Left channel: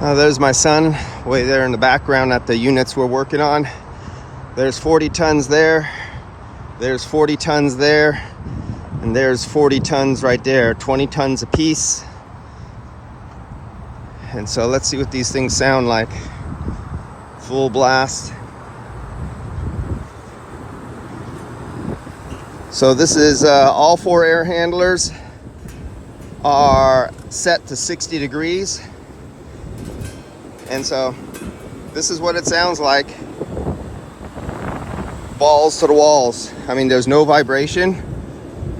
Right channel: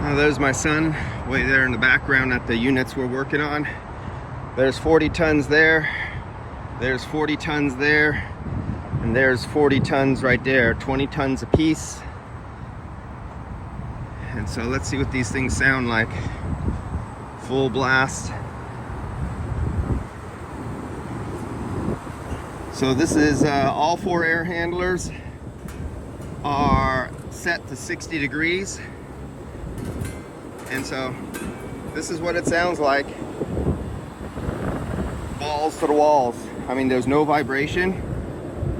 There's my son way there in the background at the units we're working on. There's 40 tons there, there's 40 tons there, and there's 40 tons right there, 20 tons a piece. And so let's see what these things sound like. Full blast. So this is all 4 air handlers are set to 60 degrees. And so this is what it sounds like. Balls to the walls. I mean, there's no vibration,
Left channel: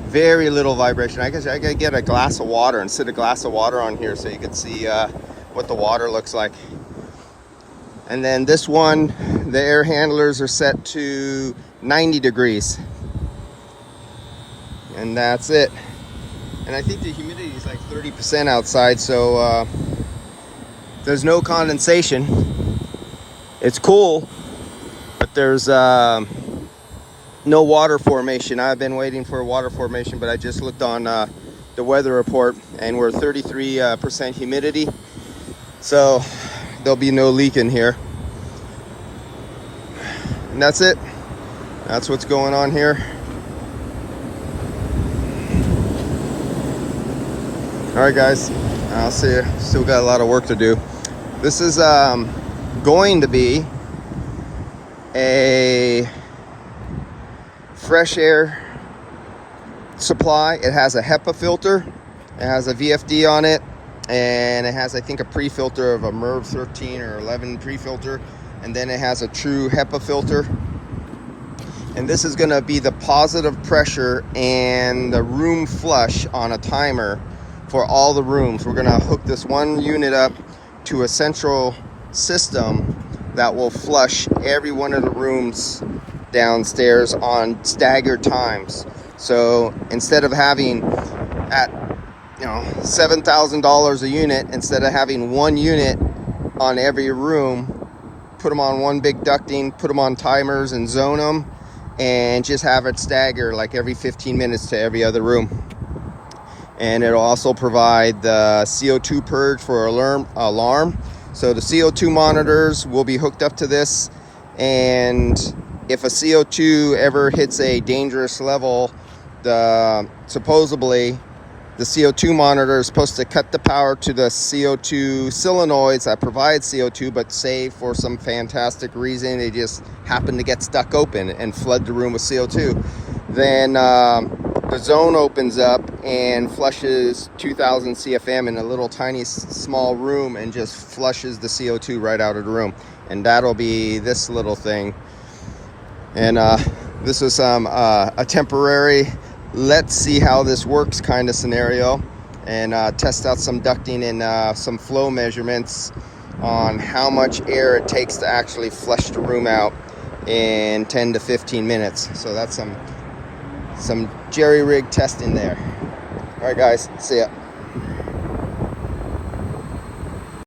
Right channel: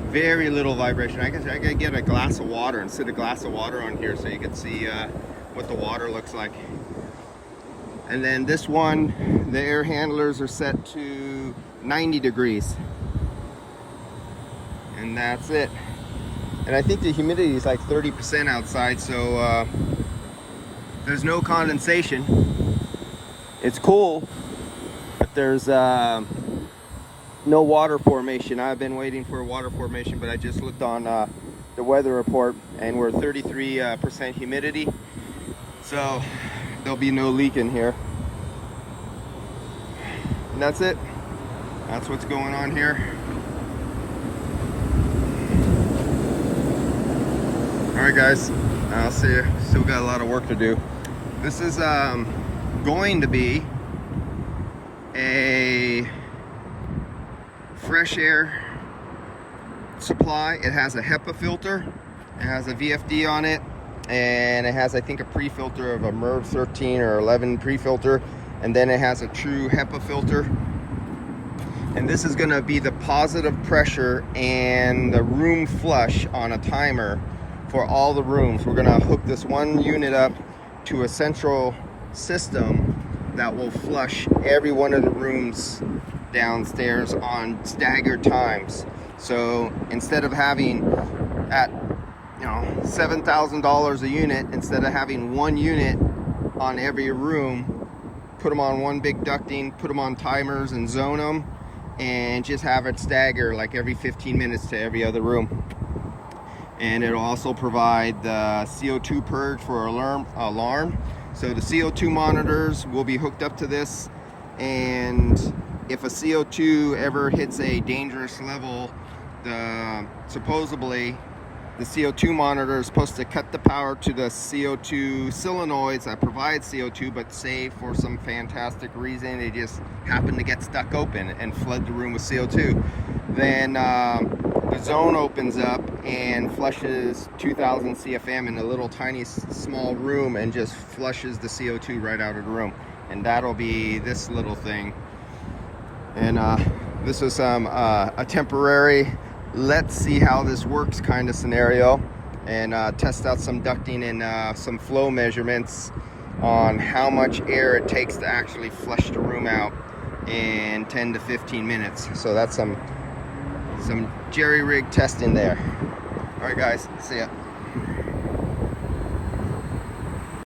very little vibration. I guess I could get a glass of water and sit a glass of water on here so you can see what the water looks like. And then this one, the air handlers are set to 90 degrees. And that's it. And I think the humidity is like 30% outside, so there's no condensation. It's cool, but there's no water formation. I've been waiting for a water formation, but I just looked on the weather report and we're 33% humidity. So there'll be no leak in here. And that's it. That's what's going on here. All right, guys, I'll see you. Still got a lot of work to do. This is going to be a fresh air supply. It has a HEPA filter, it has a VFD on it, and it has, I think, a pre-filter of a MERV 13 or 11 pre-filter, and then it has a true HEPA filter. And this is going to be the positive pressure and the room flush on a timer for all the rooms. We're going to hook this one unit up to a central system that will flush every one of the rooms downstairs on staggered times. So instead of having at $7,000 a unit, instead of having one unit on every room, put them on one big ducting, put them on timers and zone them, and just have it stagger like every 15 minutes to every other room. And it'll also provide the CO2 purge for alarm. So the CO2 monitors will be hooked up to this, and if a CO2 ever hits a dangerous level, supposedly the CO2 monitor is supposed to cut the power to the CO2 solenoids that provide CO2, but say for some fantastic reason they just happen to get stuck open and flood the room with CO2. Then the zone opens up and flushes 2000 CFM in a little tiny small room and just flushes the CO2 right out of the room. And that'll be this little thing. And this is a temporary, let's see how this works kind of scenario, and test out some ducting and some flow measurements on how much air it takes to actually flush the room out in 10 to 15 minutes. So that's some jerry rig testing there. All right, guys, see ya.